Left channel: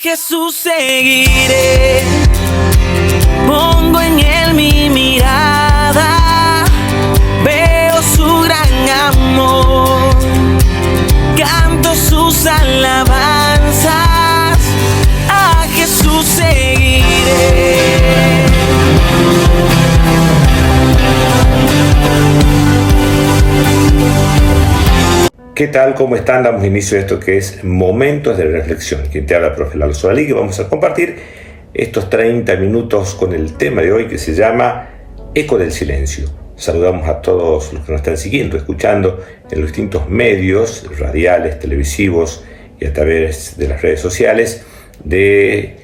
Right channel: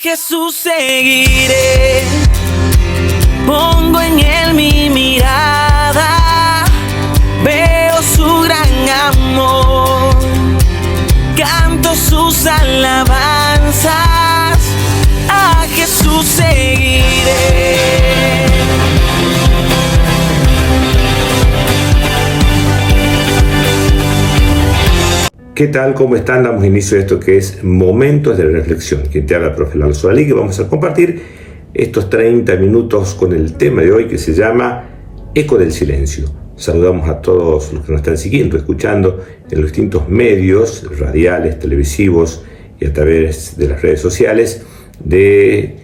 Jesús seguiré, pongo en él mi mirada, veo su gran amor, canto sus alabanzas, a Jesús seguiré. ¿Qué tal? ¿Cómo están? Damos inicio a esto que es Momentos de Reflexión. Quien te habla, profe Lalo Solali, que vamos a compartir estos 30 minutos con el tema de hoy que se llama Eco del Silencio. Saludamos a todos los que nos están siguiendo, escuchando en los distintos medios radiales, televisivos y a través de las redes sociales de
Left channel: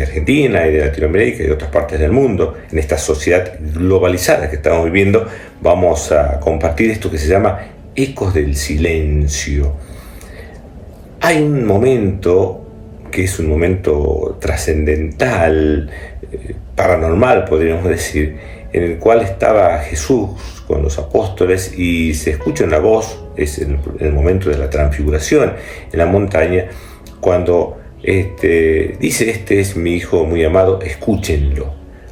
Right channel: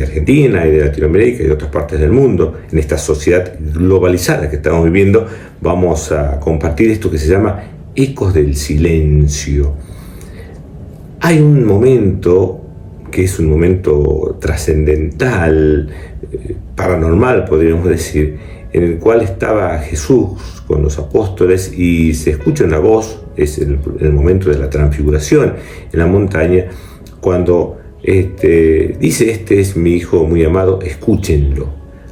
Argentina y de Latinoamérica y de otras partes del mundo. En esta sociedad globalizada que estamos viviendo, vamos a compartir esto que se llama Ecos del Silencio. Hay un momento que es un momento trascendental, paranormal podríamos decir, en el cual estaba Jesús con los apóstoles y se escucha una voz, es el momento de la transfiguración en la montaña, cuando dice: este es mi hijo muy amado, escúchenlo,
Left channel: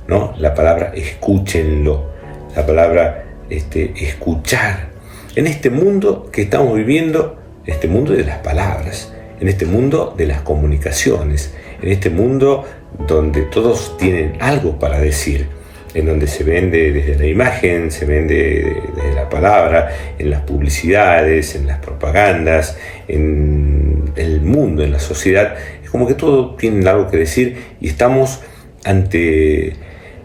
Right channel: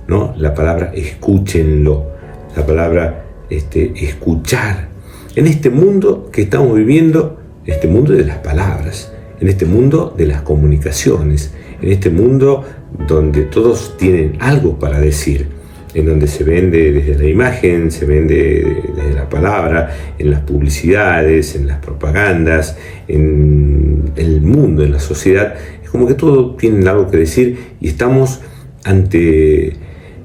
¿no? La palabra escúchenlo, la palabra escuchar. En este mundo que estamos viviendo, en este mundo de las palabras, en este mundo de las comunicaciones, en este mundo donde todos tienen algo para decir, en donde se vende desde la imagen, se vende desde la palabra, en las publicidades, en las propagandas, en el mundo, en la sociedad, es como que todos tienen algo que decir y estamos ante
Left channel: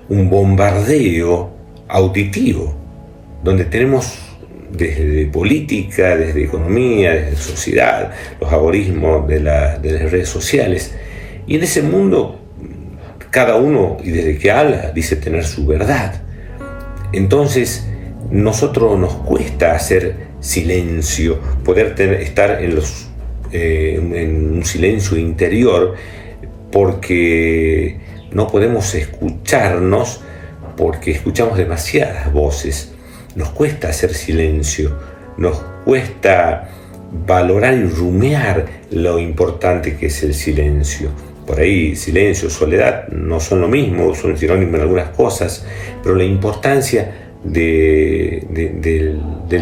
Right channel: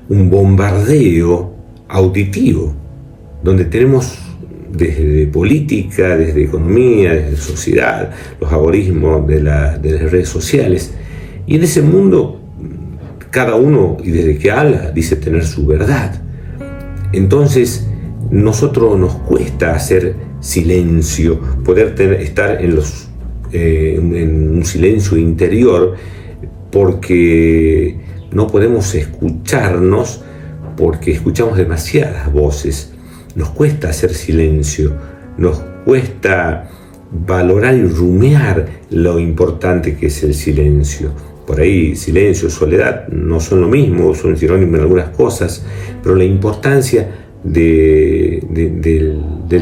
un bombardeo auditivo, donde tenemos desde política, desde economía, desde sociedad, los algoritmos de las redes sociales. Y en ese mundo, cada uno, y desde que habla, dice tener su verdad. Entonces, nosotros nos cuesta hacer silencio, poder estar en un silencio interior, porque no podemos escucharnos, porque escuchamos demasiadas voces. Nos cuesta hacer silencio, nos cuesta valorar y rumiar lo importante que es el silencio. Por ahí silencio, soledad no son lo mismo, son sinónimos en algunas cosas, pero la importancia del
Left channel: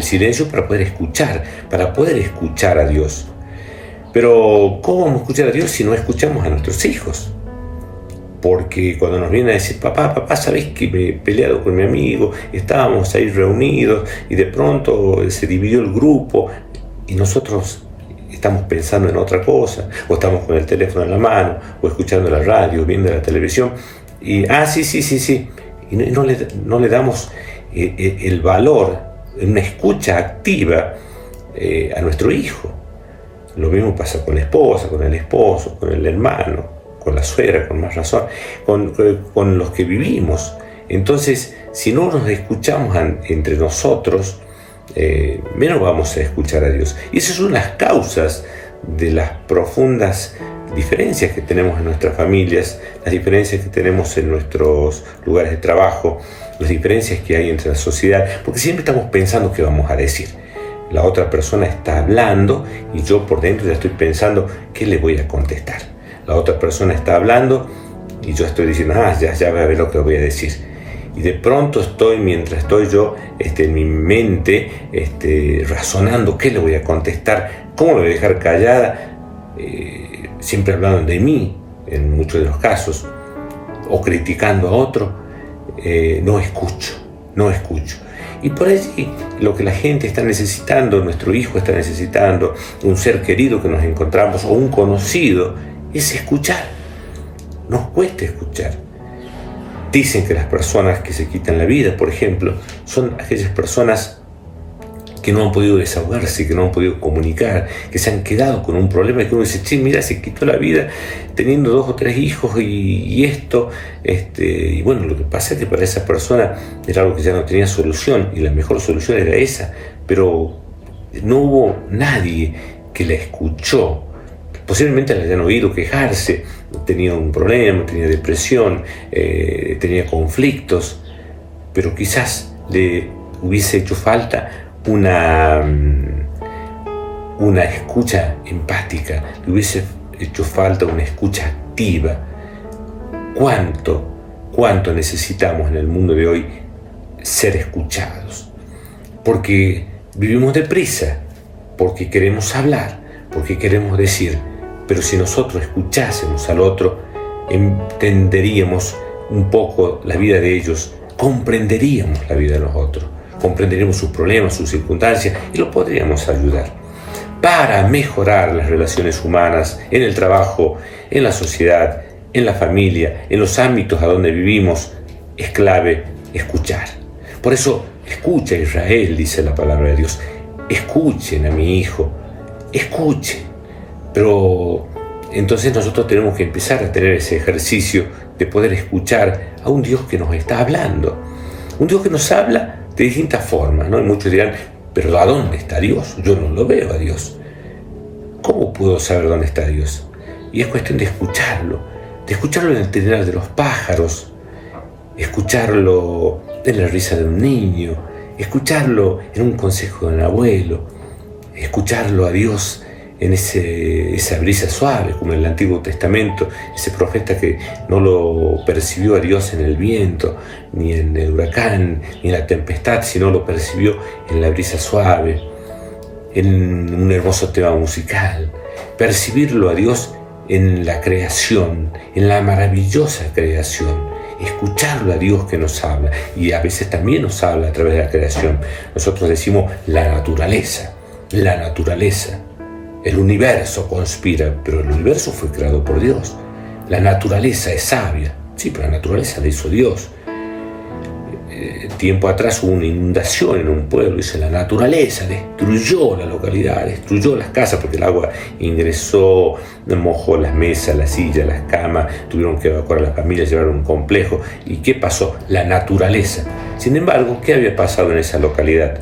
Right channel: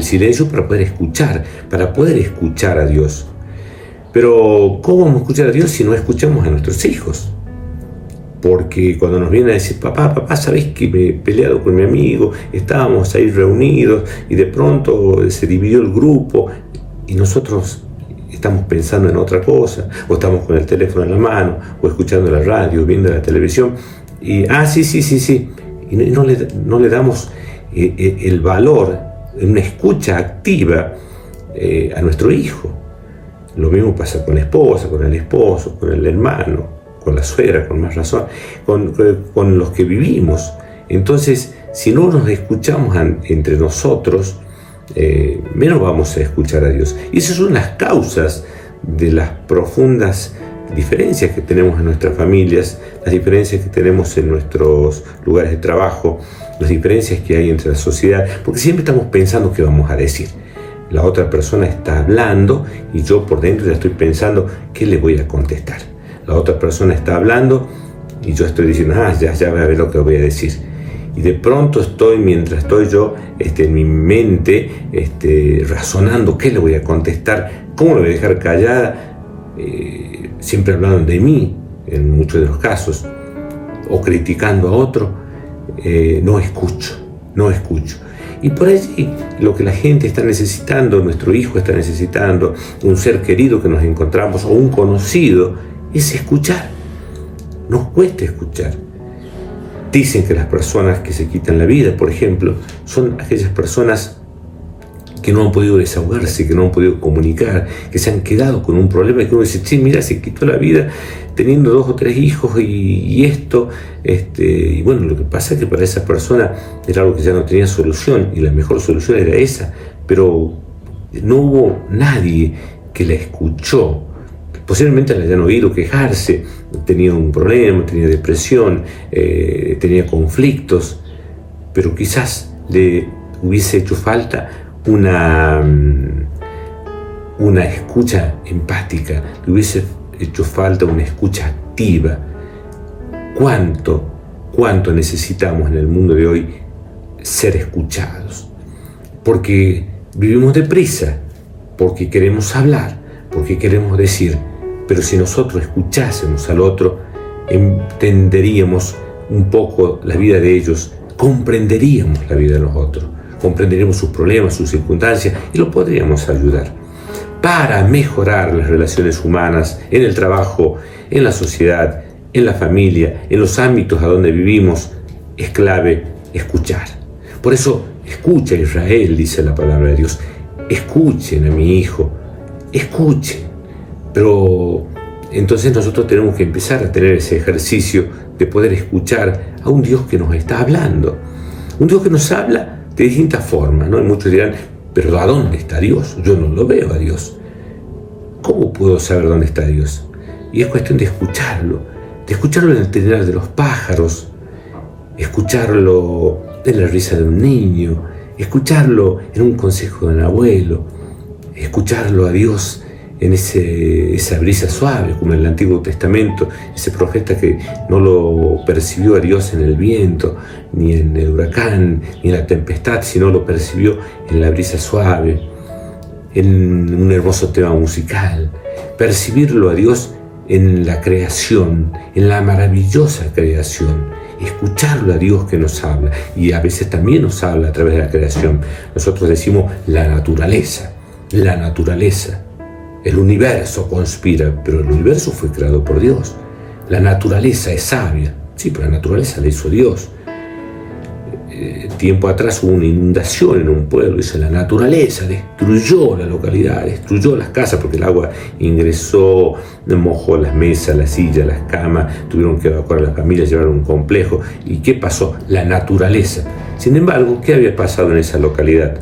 silencio para poder escuchar a Dios. Pero ¿cómo vamos a escuchar a Dios si no escuchamos a nuestros hijos? Porque cuando nos vienen a decir: papá, ¿sabés que me he peleado con mi amigo? Estábamos ahí reunidos y de pronto se dividió el grupo y nosotros estamos pensando en otra cosa, o estamos con el teléfono en la mano, o escuchando la radio, viendo la televisión, y sí, y no le damos el valor, una escucha activa a nuestro hijo. Lo mismo pasa con la esposa, con el esposo, con el hermano, con la suegra, con más razón, con los que vivimos. Entonces, si no nos escuchamos entre nosotros, menos vamos a escuchar a Dios. Y esas son las causas de las profundas diferencias que tenemos en nuestras familias, las diferencias que tenemos en nuestros lugares de trabajo, las diferencias que hay entre la sociedad, porque siempre estamos pensando qué vamos a decir. La otra persona está hablando y yo por dentro ya estoy pensando qué le voy a contestar. La otra persona está hablando y yo estoy diciendo: ya voy a ver lo que voy a decir. Y de pronto mientras estoy yo en mi mente razonando qué le voy a contestar, cómo le voy a dejar callada, siempre hablando de mí en muchos de los casos, o criticando a otro, no escucho. Y por allí lo que la gente está necesitando, nuestro hijo está necesitando, un ser querido que nos encontramos o un conocido, es escuchar. Nos cuesta escuchar. Dicen que las personas que se quitan la vida, por ejemplo, son aquellas personas que no han podido desahogarse, que no han podido comunicar, que se han quedado con un problema, que uno dice: che, mira, se quitó la vida teniendo 2 o 3 hijos y esto, y bueno, lo que pasa es que para esa persona era algo que ya no tenía solución, y la mejor solución era esa, pero no hubo nadie que la escuchó. Posiblemente la hayan oído quejarse, tenía un problema, tenía depresión, tenía conflictos, pero quizás le hubiese hecho falta una escucha empática, le hubiese hecho falta una escucha activa. ¿Cuánto necesitamos en el mundo de hoy ser escuchados? Porque vivimos deprisa, porque queremos hablar, porque queremos decir, pero si nosotros escuchásemos al otro, entenderíamos un poco la vida de ellos, comprenderíamos la vida de los otros, comprenderíamos sus problemas, sus circunstancias y los podríamos ayudar. Para mejorar las relaciones humanas en el trabajo, en la sociedad, en la familia, en los ámbitos a donde vivimos, es clave escuchar. Por eso, escucha Israel, dice la palabra de Dios. Escuchen a mi hijo, escuchen. Pero entonces nosotros tenemos que empezar a tener ese ejercicio de poder escuchar a un Dios que nos está hablando. Un Dios que nos habla de distintas formas, ¿no? Y muchos dirán, pero ¿a dónde está Dios? Yo no lo veo a Dios. ¿Cómo puedo saber dónde está Dios? Y es cuestión de escucharlo en el trinar de los pájaros, escucharlo en la risa de un niño, escucharlo en un consejo de un abuelo, escucharlo a Dios en esa brisa suave, como en el Antiguo Testamento, ese profeta que no lo percibió a Dios en el viento, ni en el huracán, ni en la tempestad, sino lo percibió en la brisa suave, en un hermoso tema musical. Percibirlo a Dios en la creación, en la maravillosa creación, escucharlo a Dios que nos habla, y a veces también nos habla a través de la creación. Nosotros decimos la naturaleza, el universo conspira, pero el universo fue creado por Dios. La naturaleza es sabia, sí, pero la naturaleza la hizo Dios. Tiempo atrás hubo una inundación en un pueblo, dice, la naturaleza destruyó la localidad, destruyó las casas porque el agua ingresó, mojó las mesas, las sillas, las camas, tuvieron que evacuar a las familias, llevar a un complejo. ¿Y qué pasó? La naturaleza. Sin embargo, ¿qué había pasado en esa localidad?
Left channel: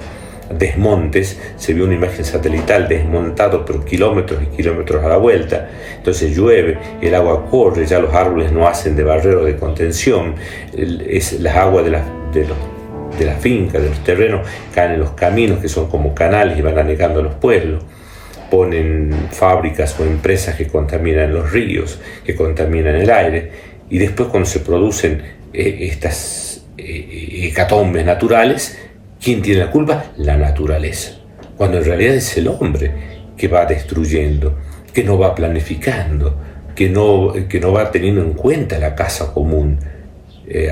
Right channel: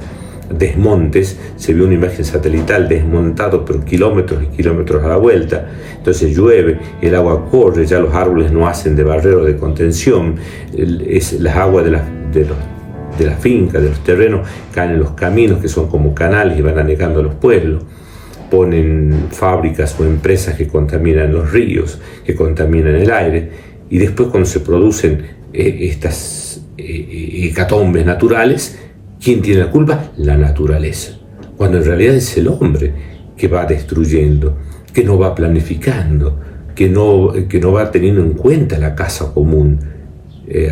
Desmontes, se vio una imagen satelital, desmontado pero kilómetros y kilómetros a la vuelta. Entonces llueve, el agua corre, ya los árboles no hacen de barrero de contención, las aguas de la finca, de los terrenos, caen en los caminos que son como canales y van anegando a los pueblos. Ponen fábricas o empresas que contaminan los ríos, que contaminan el aire, y después cuando se producen estas hecatombes naturales, ¿quién tiene la culpa? La naturaleza. Cuando en realidad es el hombre que va destruyendo, que no va planificando, que no va teniendo en cuenta la casa común.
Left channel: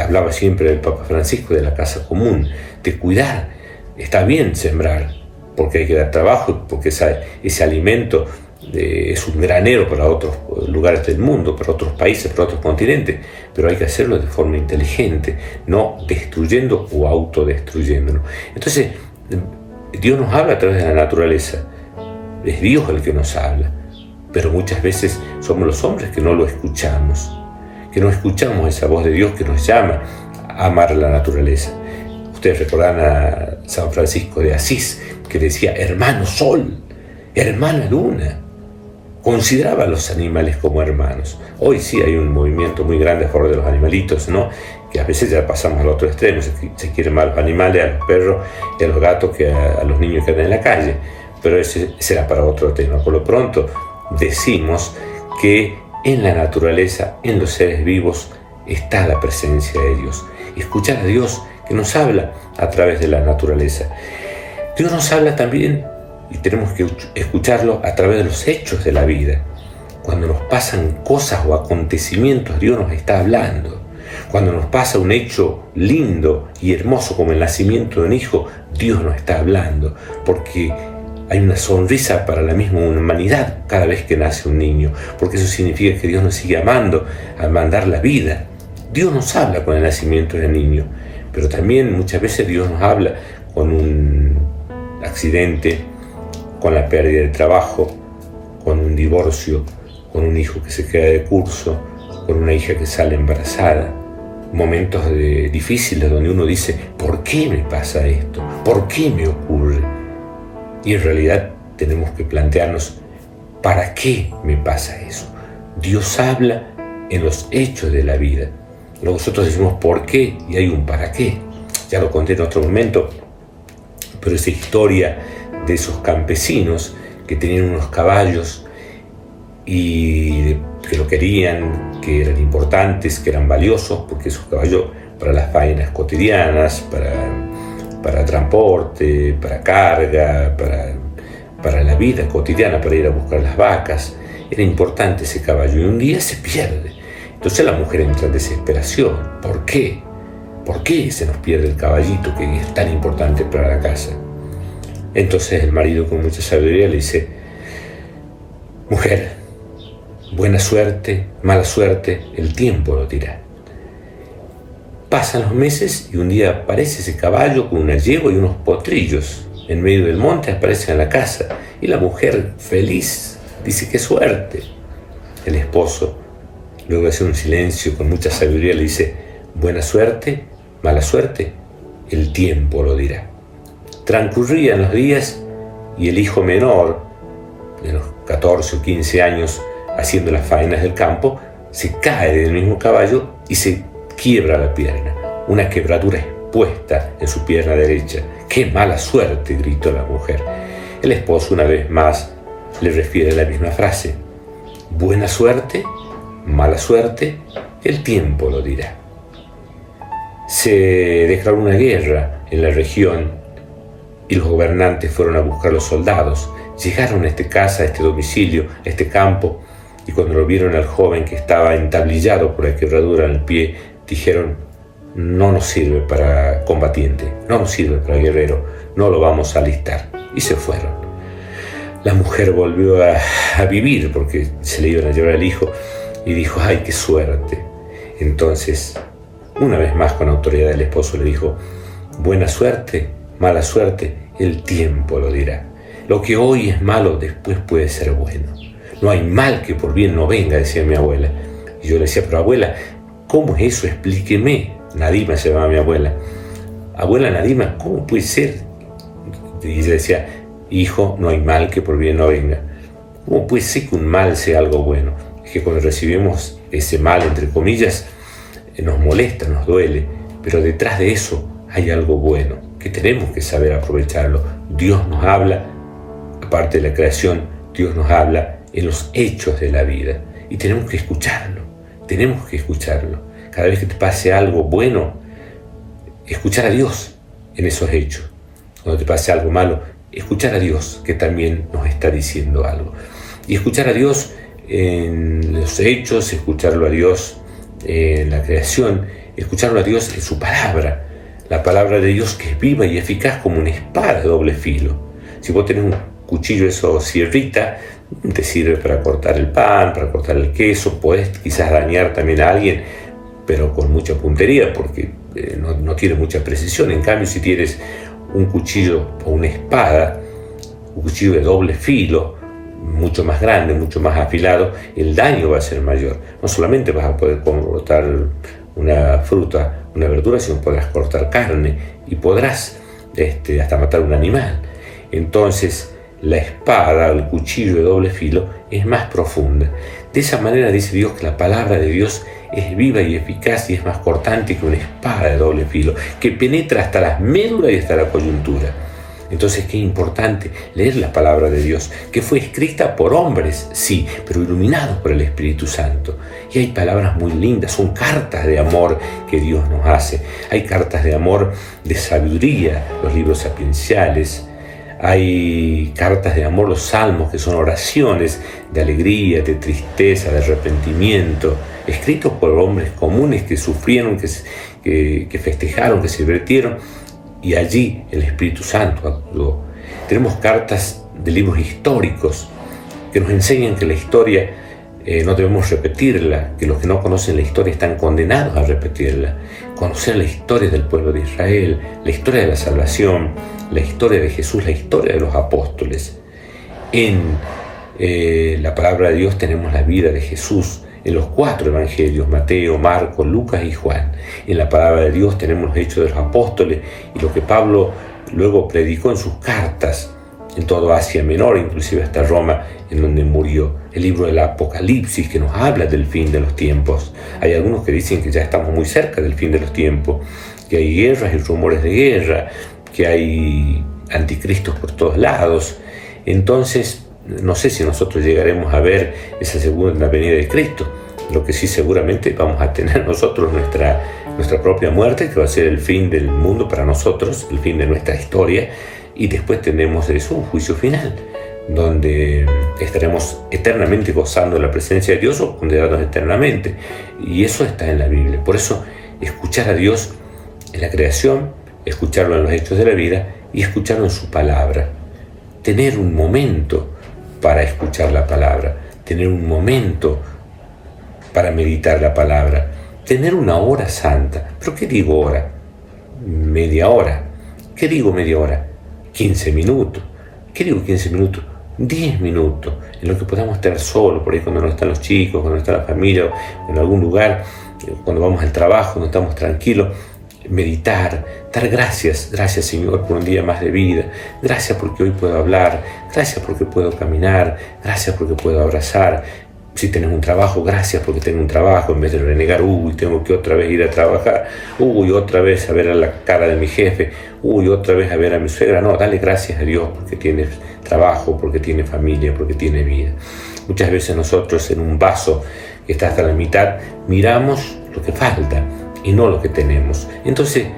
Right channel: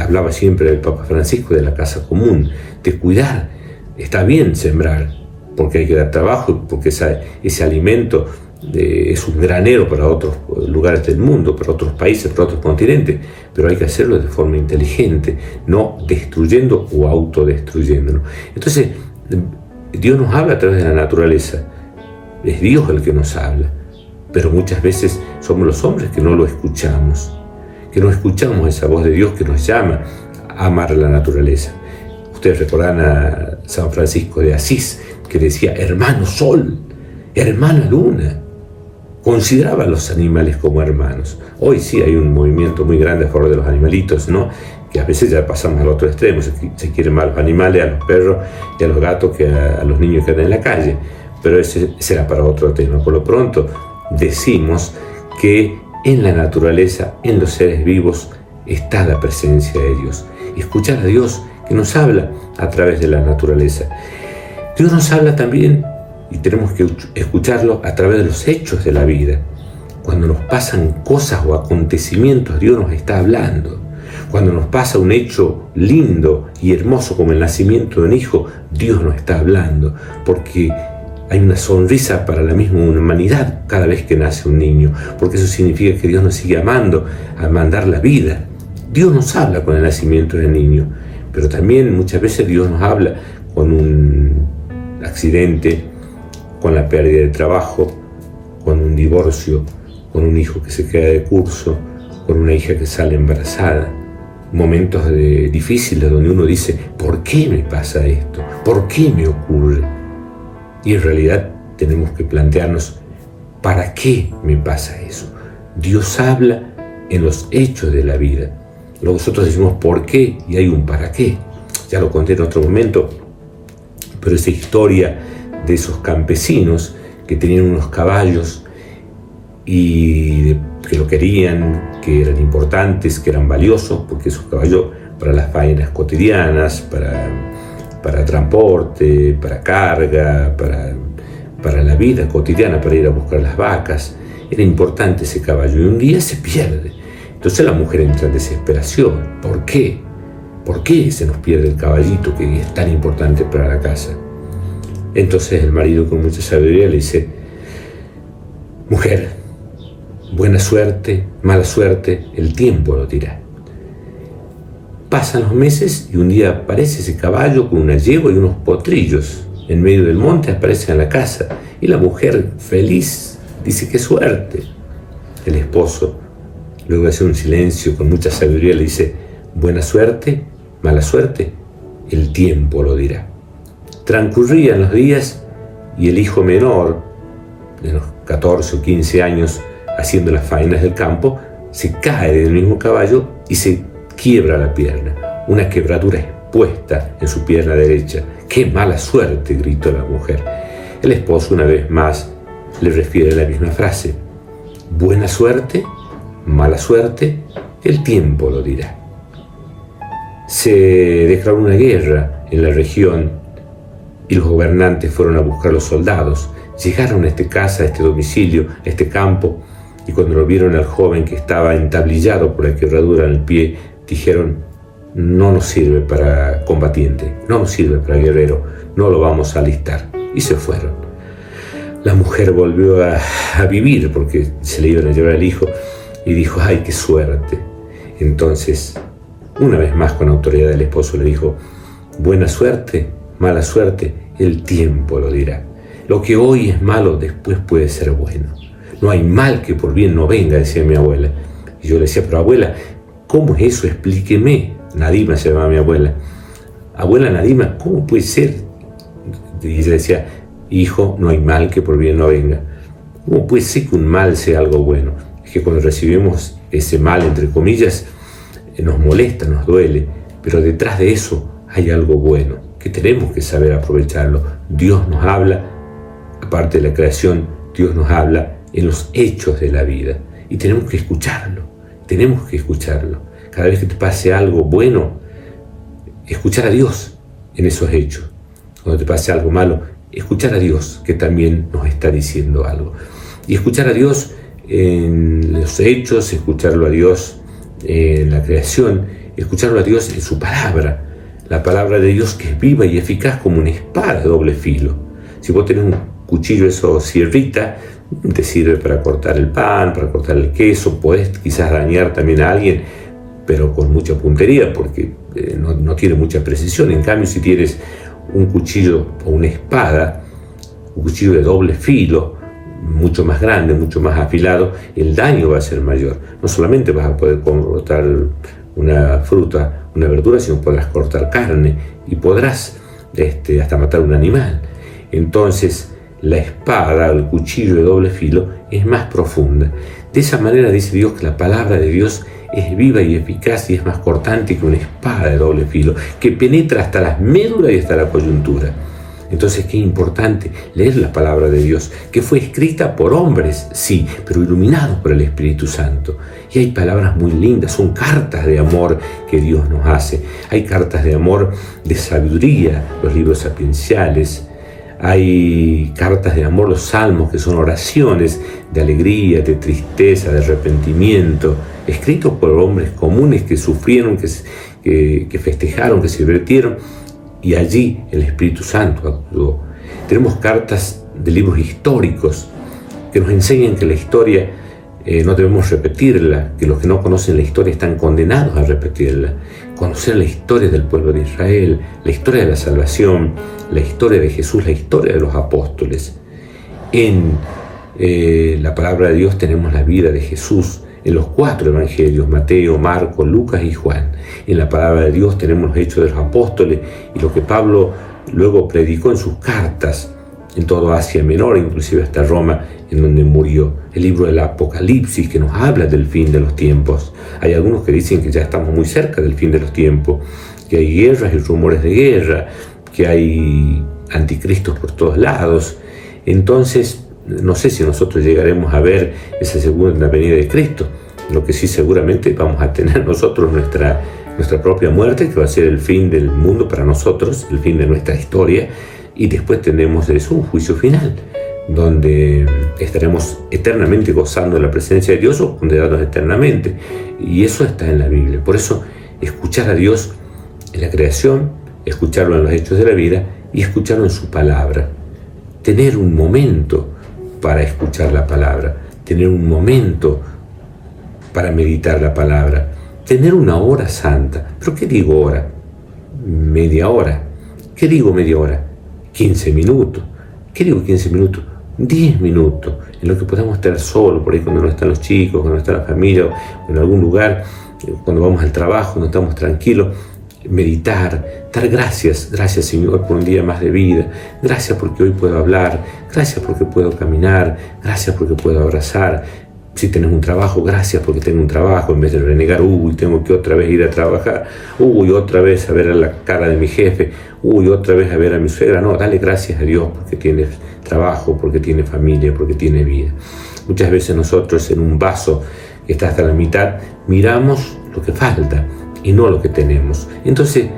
Hablaba siempre el Papa Francisco de la casa común, de cuidar. Está bien sembrar, porque hay que dar trabajo, porque ese alimento es un granero para otros lugares del mundo, para otros países, para otros continentes, pero hay que hacerlo de forma inteligente, no destruyendo o autodestruyéndonos. Entonces, Dios nos habla a través de la naturaleza, es Dios el que nos habla, pero muchas veces somos los hombres que no lo escuchamos, que no escuchamos esa voz de Dios que nos llama a amar la naturaleza. Ustedes recordarán a San Francisco de Asís, que decía, hermano sol, hermana luna. Consideraba a los animales como hermanos. Hoy sí hay un movimiento muy grande a favor de los animalitos, ¿no? Que a veces ya pasamos al otro extremo, se quieren más a los animales, a los perros y a los gatos que a los niños que andan en la calle. Pero ese será para otro tema. Por lo pronto decimos que en la naturaleza, en los seres vivos, está la presencia de Dios. Escuchar a Dios que nos habla a través de la naturaleza. Dios nos habla también, y tenemos que escucharlo a través de los hechos de la vida. Cuando nos pasan cosas o acontecimientos, Dios nos está hablando. Cuando nos pasa un hecho lindo y hermoso como el nacimiento de un hijo, Dios nos está hablando, porque hay una sonrisa para la misma humanidad cada vez que nace un niño, porque eso significa que Dios nos sigue amando al mandar la vida. Dios nos habla con el nacimiento del niño, pero también muchas veces Dios nos habla con un accidente, con la pérdida de trabajo, con un divorcio, con un hijo que se queda de curso, con una hija que sale embarazada. Momentos difíciles donde uno dice, ¿por qué me pasa esto? ¿Por qué me ocurre? Y en realidad tenemos que plantearnos, ¿para qué me pasa eso? Dios habla en los hechos de la vida. Luego nosotros decimos ¿por qué? Y hay un ¿para qué? Ya lo conté en otro momento, pero esa historia de esos campesinos que tenían unos caballos y que lo querían, que eran importantes, que eran valiosos, porque esos caballos para las faenas cotidianas, para transporte, para carga, para la vida cotidiana, para ir a buscar las vacas. Era importante ese caballo y un día se pierde. Entonces la mujer entra en desesperación. ¿Por qué? ¿Por qué se nos pierde el caballito que es tan importante para la casa? Entonces el marido con mucha sabiduría le dice: mujer, buena suerte, mala suerte, el tiempo lo dirá. Pasan los meses y un día aparece ese caballo con una yegua y unos potrillos. En medio del monte aparecen en la casa y la mujer, feliz, dice: qué suerte. El esposo, luego de hacer un silencio con mucha sabiduría, le dice: buena suerte, mala suerte, el tiempo lo dirá. Transcurrían los días y el hijo menor, de los 14 o 15 años, haciendo las faenas del campo, se cae del mismo caballo y se quiebra la pierna, una quebradura expuesta en su pierna derecha. ¡Qué mala suerte!, gritó la mujer. El esposo, una vez más, le refiere la misma frase: buena suerte, mala suerte, el tiempo lo dirá. Se declaró una guerra en la región y los gobernantes fueron a buscar a los soldados. Llegaron a esta casa, a este domicilio, a este campo, y cuando lo vieron al joven que estaba entablillado por la quebradura en el pie, dijeron: no nos sirve para combatiente, no nos sirve para guerrero, no lo vamos a alistar. Y se fueron. La mujer volvió a vivir porque se le iban a llevar al hijo y dijo: ¡ay, qué suerte! Entonces, una vez más con autoridad, el esposo le dijo: buena suerte, mala suerte, el tiempo lo dirá. Lo que hoy es malo, después puede ser bueno. No hay mal que por bien no venga, decía mi abuela. Y yo le decía: pero abuela, ¿cómo es eso? Explíqueme. Nadima se llamaba mi abuela. Abuela Nadima, ¿cómo puede ser? Y ella decía: hijo, no hay mal que por bien no venga. ¿Cómo puede ser que un mal sea algo bueno? Es que cuando recibimos ese mal, entre comillas, nos molesta, nos duele, pero detrás de eso hay algo bueno, que tenemos que saber aprovecharlo. Dios nos habla, aparte de la creación, Dios nos habla en los hechos de la vida y tenemos que escucharlo, Cada vez que te pase algo bueno, escuchar a Dios en esos hechos. Cuando te pase algo malo, escuchar a Dios, que también nos está diciendo algo. Y escuchar a Dios en los hechos, escucharlo a Dios en la creación, escucharlo a Dios en su palabra. La palabra de Dios, que es viva y eficaz como una espada de doble filo. Si vos tenés un cuchillo, eso sierrita, te sirve para cortar el pan, para cortar el queso, podés quizás dañar también a alguien, pero con mucha puntería, porque no tiene mucha precisión. En cambio, si tienes un cuchillo o una espada, un cuchillo de doble filo, mucho más grande, mucho más afilado, el daño va a ser mayor. No solamente vas a poder cortar una fruta, una verdura, sino podrás cortar carne y podrás hasta matar un animal. Entonces, la espada, el cuchillo de doble filo, es más profunda. De esa manera dice Dios que la palabra de Dios es viva y eficaz y es más cortante que una espada de doble filo, que penetra hasta las médulas y hasta la coyuntura. Entonces, qué importante leer la palabra de Dios, que fue escrita por hombres, sí, pero iluminados por el Espíritu Santo. Y hay palabras muy lindas, son cartas de amor que Dios nos hace. Hay cartas de amor, de sabiduría, los libros sapienciales. Hay cartas de amor, los salmos, que son oraciones de alegría, de tristeza, de arrepentimiento, escritos por hombres comunes que sufrieron, que festejaron, que se divirtieron, y allí el Espíritu Santo actuó. Tenemos cartas de libros históricos que nos enseñan que la historia no debemos repetirla, que los que no conocen la historia están condenados a repetirla. Conocer la historia del pueblo de Israel, la historia de la salvación, la historia de Jesús, la historia de los apóstoles. En la palabra de Dios tenemos la vida de Jesús en los 4 evangelios: Mateo, Marcos, Lucas y Juan. En la palabra de Dios tenemos los hechos de los apóstoles y lo que Pablo luego predicó en sus cartas en toda Asia Menor, inclusive hasta Roma, en donde murió. El libro del Apocalipsis, que nos habla del fin de los tiempos. Hay algunos que dicen que ya estamos muy cerca del fin de los tiempos, que hay guerras y rumores de guerra, que hay anticristos por todos lados. Entonces, No sé si nosotros llegaremos a ver esa segunda venida de Cristo. Lo que sí seguramente vamos a tener nosotros nuestra propia muerte, que va a ser el fin del mundo para nosotros, el fin de nuestra historia, y después tenemos de eso un juicio final, donde estaremos eternamente gozando de la presencia de Dios o condenados eternamente. Y eso está en la Biblia. Por eso, escuchar a Dios en la creación, escucharlo en los hechos de la vida y escucharlo en su palabra. Tener un momento para escuchar la palabra, tener un momento para meditar la palabra, tener una hora santa. ¿Pero qué digo hora? Media hora. ¿Qué digo media hora? 15 minutos. ¿Qué digo 15 minutos? 10 minutos, en lo que podamos estar solos, por ahí cuando no están los chicos, cuando no está la familia, o en algún lugar, cuando vamos al trabajo, cuando estamos tranquilos, meditar, dar gracias Señor por un día más de vida, gracias porque hoy puedo hablar, gracias porque puedo caminar, gracias porque puedo abrazar. Si tenés un trabajo, gracias porque tengo un trabajo, en vez de renegar, tengo que otra vez ir a trabajar, otra vez a ver a la cara de mi jefe, otra vez a ver a mi suegra. No, dale gracias a Dios porque tienes trabajo, porque tienes familia, porque tienes vida. Muchas veces nosotros en un vaso que está hasta la mitad, miramos lo que falta y no lo que tenemos. Entonces,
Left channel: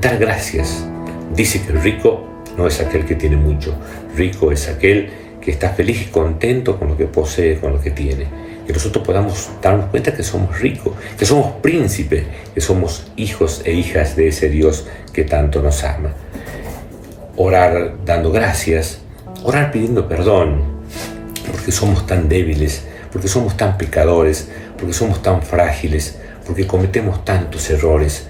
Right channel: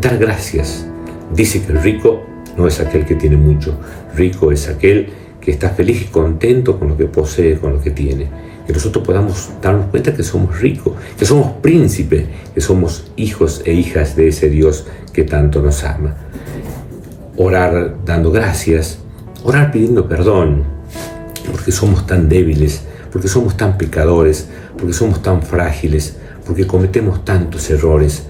dar gracias. Dice que el rico no es aquel que tiene mucho, rico es aquel que está feliz y contento con lo que posee, con lo que tiene. Que nosotros podamos darnos cuenta que somos ricos, que somos príncipes, que somos hijos e hijas de ese Dios que tanto nos ama. Orar dando gracias, orar pidiendo perdón, porque somos tan débiles, porque somos tan pecadores, porque somos tan frágiles, porque cometemos tantos errores.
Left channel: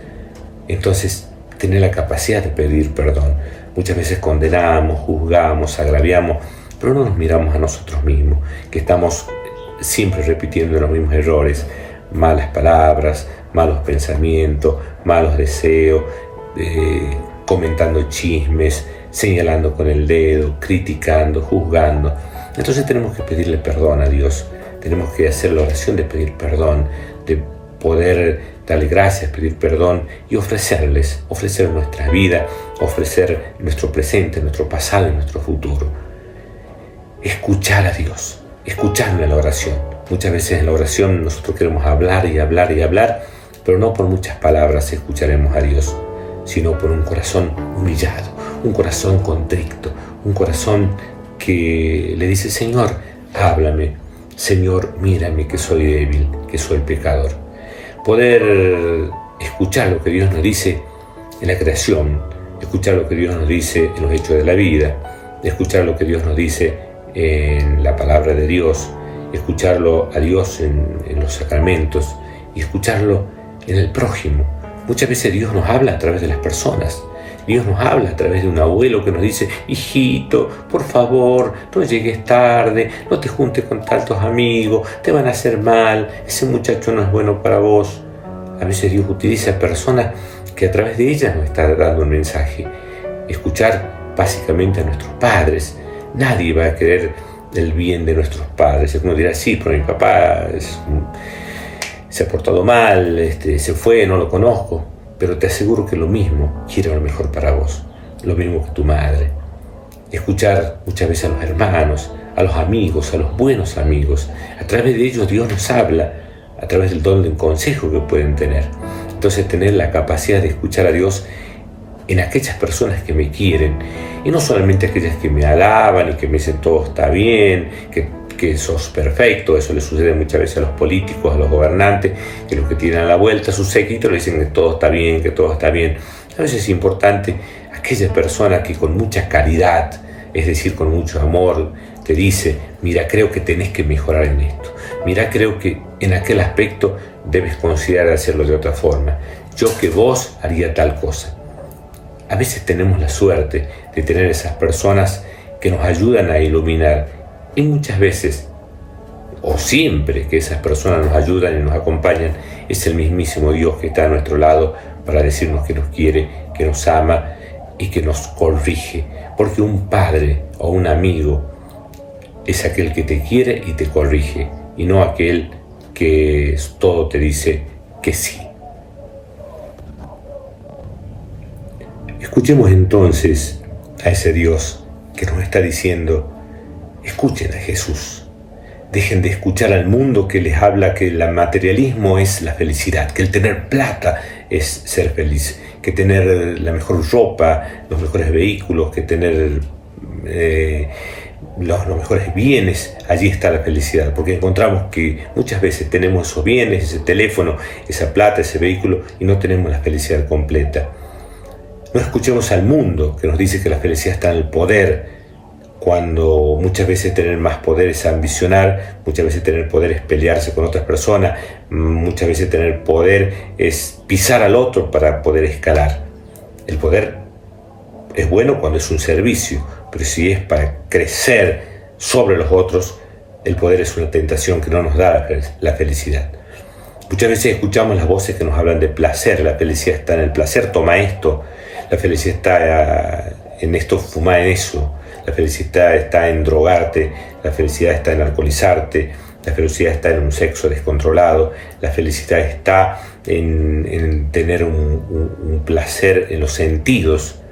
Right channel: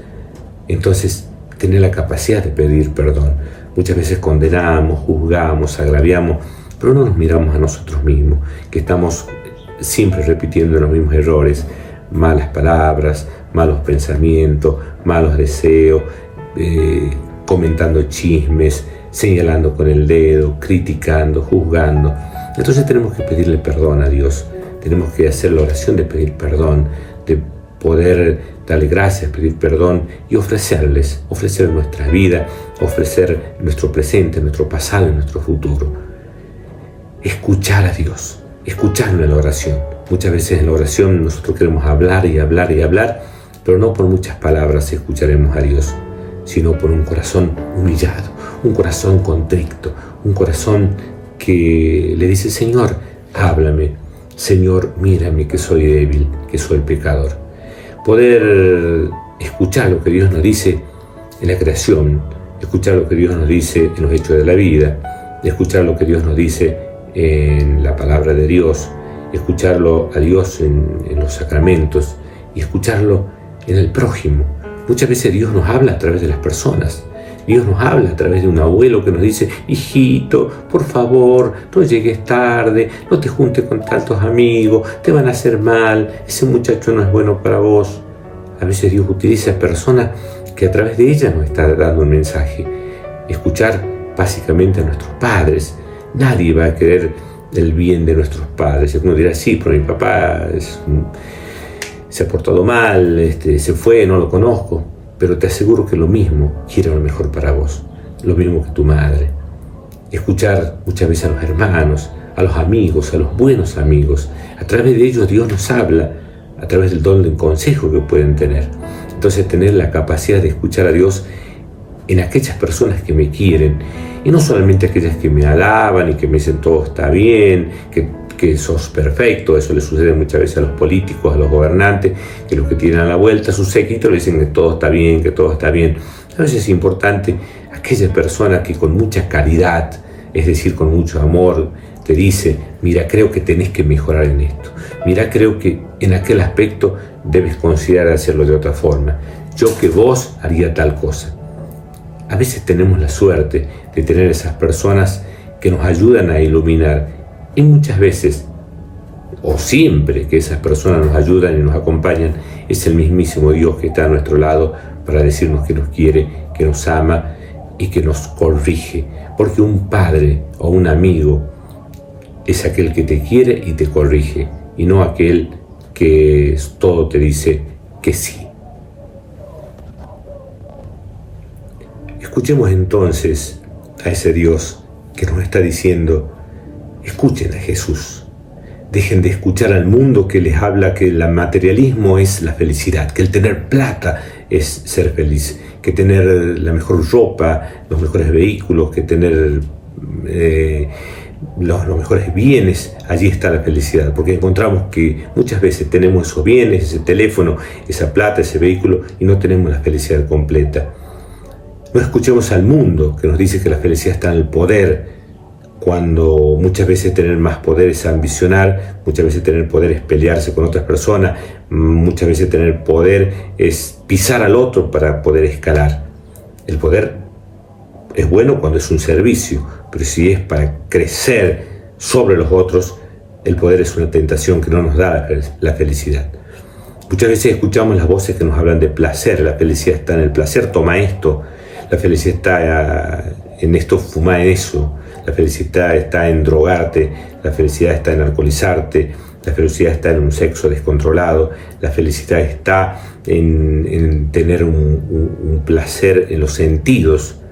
Entonces, tener la capacidad de pedir perdón. Muchas veces condenamos, juzgamos, agraviamos, pero no nos miramos a nosotros mismos, que estamos siempre repitiendo los mismos errores, malas palabras, malos pensamientos, malos deseos, comentando chismes, señalando con el dedo, criticando, juzgando. Entonces tenemos que pedirle perdón a Dios, tenemos que hacer la oración de pedir perdón, de poder darle gracias, pedir perdón y ofrecer nuestra vida, ofrecer nuestro presente, nuestro pasado y nuestro futuro. Escuchar a Dios, escucharlo en la oración. Muchas veces en la oración nosotros queremos hablar y hablar y hablar, pero no por muchas palabras escucharemos a Dios, sino por un corazón humillado, un corazón contrito, un corazón que le dice: Señor, háblame, Señor, mírame que soy débil, que soy pecador. Poder escuchar lo que Dios nos dice en la creación, escuchar lo que Dios nos dice en los hechos de la vida, escuchar lo que Dios nos dice en la palabra de Dios, escucharlo a Dios en los sacramentos y escucharlo en el prójimo. Muchas veces Dios nos habla a través de las personas. Dios nos habla a través de un abuelo que nos dice: hijito, por favor, no llegues tarde, no te juntes con tantos amigos, te van a hacer mal, ese muchacho no es bueno para vos. A veces Dios utiliza personas que a través de ellas nos está dando un mensaje. Escuchar básicamente a nuestros padres. Nadie va a querer el bien de nuestros padres. Uno dirá: sí, pero mi papá se ha portado mal, se fue, no lo conozco. Pero te aseguro que lo mismo quiere lo mejor para vos, lo mismo que tu madre. Escuchar muchas veces a los hermanos, a los amigos, a los buenos amigos. A través de ellos Dios nos habla, a través del don del consejo que pueden tener. Entonces, tener la capacidad de escuchar a Dios en aquellas personas que me quieren, y no solamente aquellas que me alaban y que me dicen todo está bien, que sos perfecto. Eso le sucede muchas veces a los políticos, a los gobernantes, que los que tienen a la vuelta a su séquito le dicen que todo está bien, que todo está bien. A veces es importante aquella persona que con mucha caridad, es decir, con mucho amor, te dice: mira, creo que tenés que mejorar en esto, mira, creo que en aquel aspecto debes considerar hacerlo de otra forma, yo que vos haría tal cosa. A veces tenemos la suerte de tener esas personas que nos ayudan a iluminar, y muchas veces, o siempre que esas personas nos ayudan y nos acompañan, es el mismísimo Dios que está a nuestro lado para decirnos que nos quiere, que nos ama y que nos corrige. Porque un padre o un amigo es aquel que te quiere y te corrige, y no aquel que todo te dice que sí. Escuchemos entonces a ese Dios que nos está diciendo: escuchen a Jesús. Dejen de escuchar al mundo que les habla que el materialismo es la felicidad, que el tener plata es ser feliz, que tener la mejor ropa, los mejores vehículos, que tener los mejores bienes, allí está la felicidad, porque encontramos que muchas veces tenemos esos bienes, ese teléfono, esa plata, ese vehículo, y no tenemos la felicidad completa. No escuchemos al mundo que nos dice que la felicidad está en el poder, cuando muchas veces tener más poder es ambicionar, muchas veces tener poder es pelearse con otras personas, muchas veces tener poder es pisar al otro para poder escalar. El poder es bueno cuando es un servicio, pero si es para crecer sobre los otros, el poder es una tentación que no nos da la felicidad. Muchas veces escuchamos las voces que nos hablan de placer. La felicidad está en el placer, toma esto. La felicidad está en esto, fuma en eso. La felicidad está en drogarte. La felicidad está en alcoholizarte. La felicidad está en un sexo descontrolado. La felicidad está en tener un placer en los sentidos.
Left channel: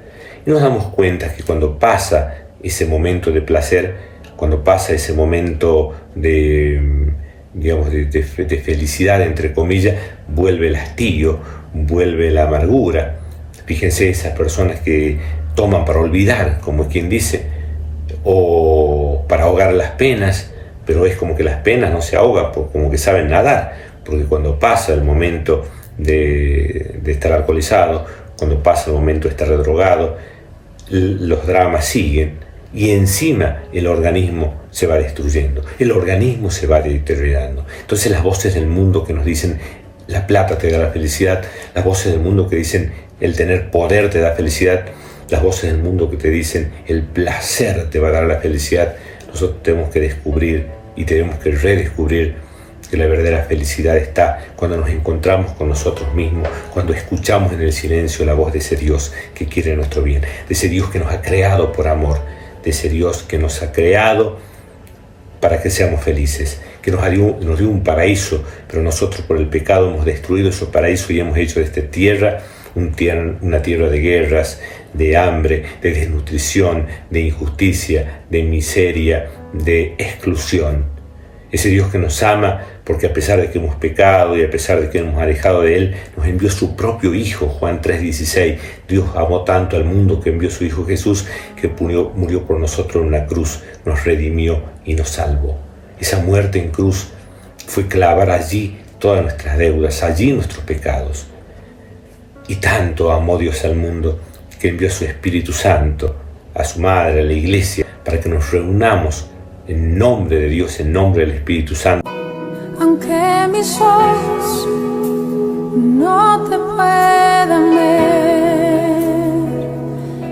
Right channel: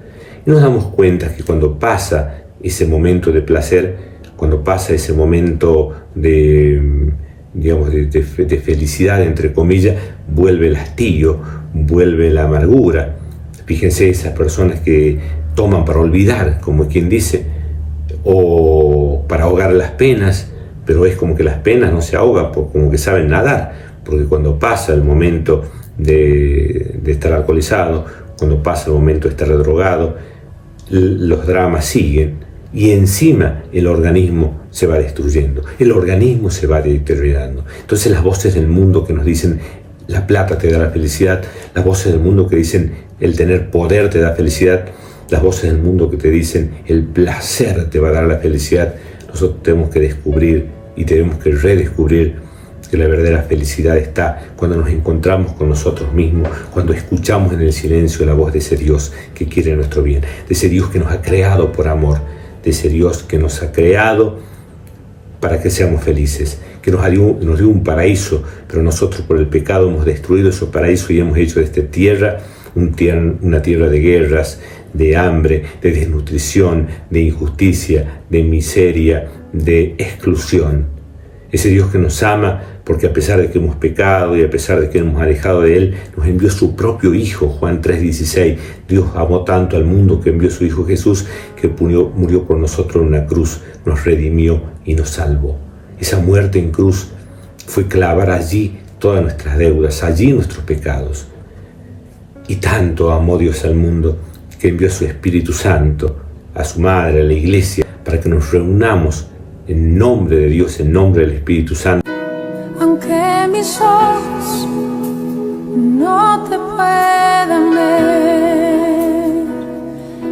Y nos damos cuenta que cuando pasa ese momento de placer, cuando pasa ese momento de felicidad, entre comillas, vuelve el hastío, vuelve la amargura. Fíjense esas personas que toman para olvidar, como quien dice, o para ahogar las penas, pero es como que las penas no se ahogan, como que saben nadar, porque cuando pasa el momento de estar alcoholizado, cuando pasa el momento de estar drogado, los dramas siguen y encima el organismo se va destruyendo, el organismo se va deteriorando. Entonces las voces del mundo que nos dicen la plata te da la felicidad, las voces del mundo que dicen el tener poder te da felicidad, las voces del mundo que te dicen el placer te va a dar la felicidad, nosotros tenemos que descubrir y tenemos que redescubrir que la verdadera felicidad está cuando nos encontramos con nosotros mismos, cuando escuchamos en el silencio la voz de ese Dios que quiere nuestro bien, de ese Dios que nos ha creado por amor, de ese Dios que nos ha creado para que seamos felices, que nos dio un paraíso, pero nosotros por el pecado hemos destruido ese paraíso y hemos hecho de esta tierra una tierra de guerras, de hambre, de desnutrición, de injusticia, de miseria, de exclusión. Ese Dios que nos ama porque a pesar de que hemos pecado y a pesar de que hemos alejado de Él, nos envió su propio Hijo, Juan 3:16. Dios amó tanto al mundo que envió su Hijo Jesús, que murió por nosotros en una cruz, nos redimió y nos salvó. Esa muerte en cruz fue clavar allí todas nuestras deudas, allí nuestros pecados. Y tanto amó Dios al mundo que envió a su Espíritu Santo, a su Madre, a la Iglesia, para que nos reunamos en nombre de Dios, en nombre del Espíritu Santo. Aunque mis ojos no te puedan ver,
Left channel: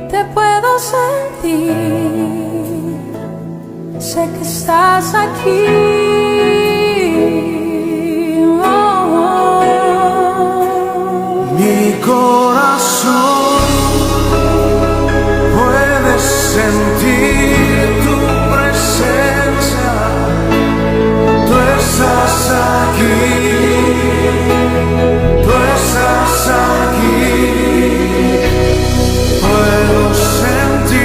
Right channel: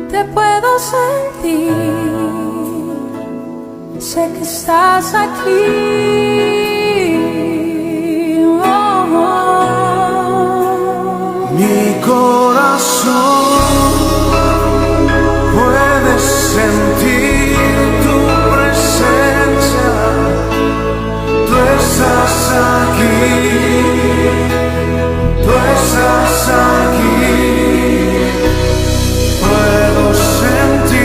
te puedo sentir, sé que estás aquí. Mi corazón puede sentir tu presencia, tú estás aquí, tú estás aquí. Puedo sentir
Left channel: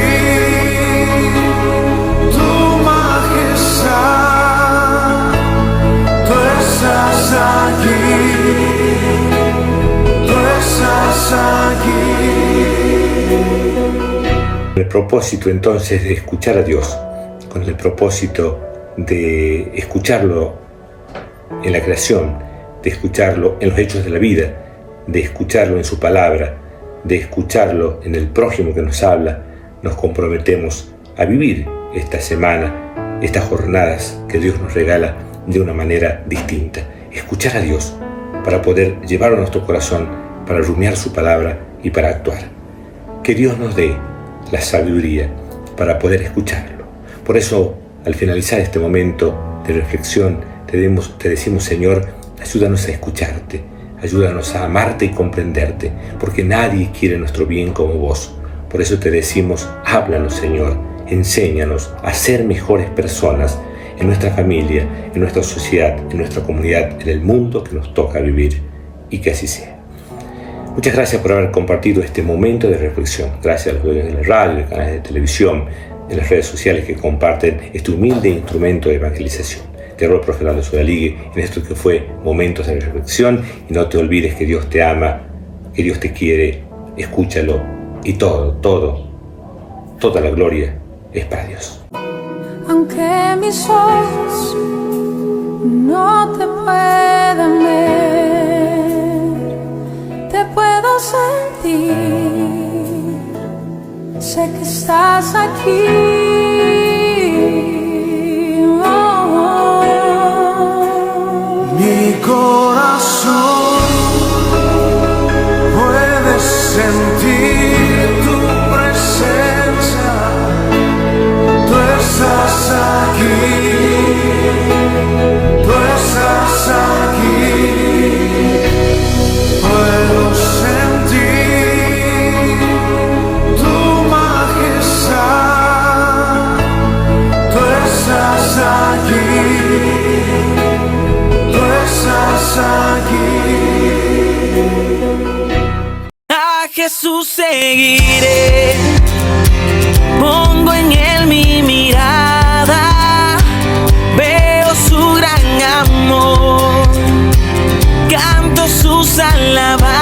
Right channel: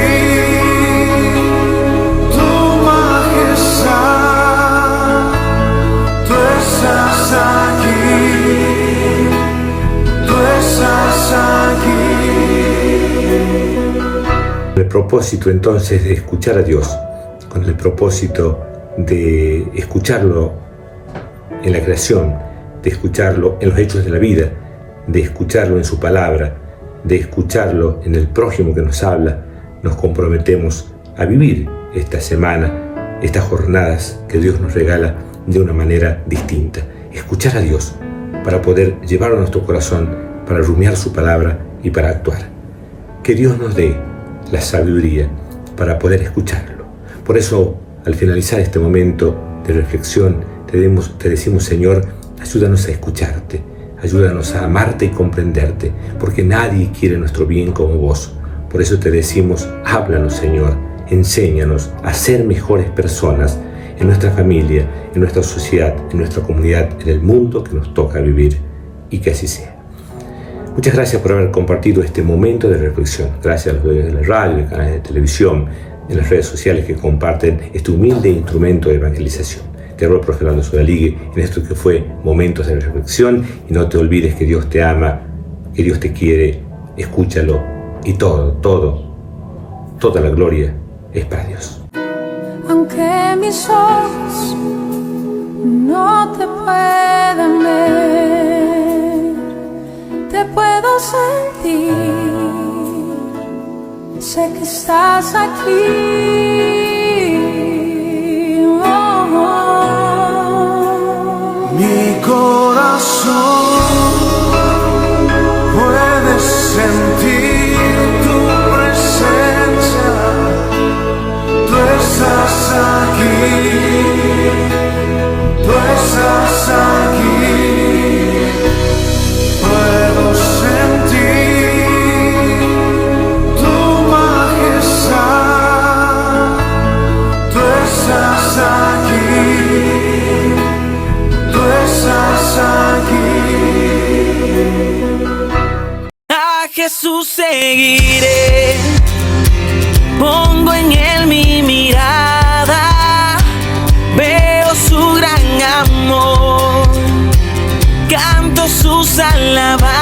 tu majestad, tú estás aquí. El propósito entonces de escuchar a Dios, con el propósito de escucharlo en la creación, de escucharlo en los hechos de la vida, de escucharlo en su palabra, de escucharlo en el prójimo que nos habla, nos comprometemos a vivir esta semana, estas jornadas que Dios nos regala de una manera distinta. Escuchar a Dios para poder llevarlo a nuestro corazón, para rumiar su palabra y para actuar. Que Dios nos dé la sabiduría para poder escucharlo. Por eso, al finalizar este momento de reflexión, te decimos, Señor, ayúdanos a escucharte, ayúdanos a amarte y comprenderte, porque nadie quiere nuestro bien como vos. Por eso te decimos, háblanos, Señor, enséñanos a ser mejores personas en nuestra familia, en nuestra sociedad, en nuestra comunidad, en el mundo que nos toca vivir, y que así sea. Muchas gracias por haber compartido este momento de reflexión. Gracias a los de la radio, a los canales de televisión, en las redes sociales que comparten este humilde instrumento de evangelización. Te hablo el profe Lalo Sodaligue en esto que fue Momentos de Reflexión, y no te olvides que Dios te ama, que Dios te quiere, escúchalo, y toda la gloria es para Dios. Aunque mis ojos no te puedan ver, te puedo sentir, sé que estás aquí. Mi corazón puede sentir tu presencia, tú estás aquí, tú estás aquí. Puedo sentir tu majestad, tú estás aquí. A Jesús seguiré, pongo en él mi mirada, veo su gran amor, canto sus alabanzas.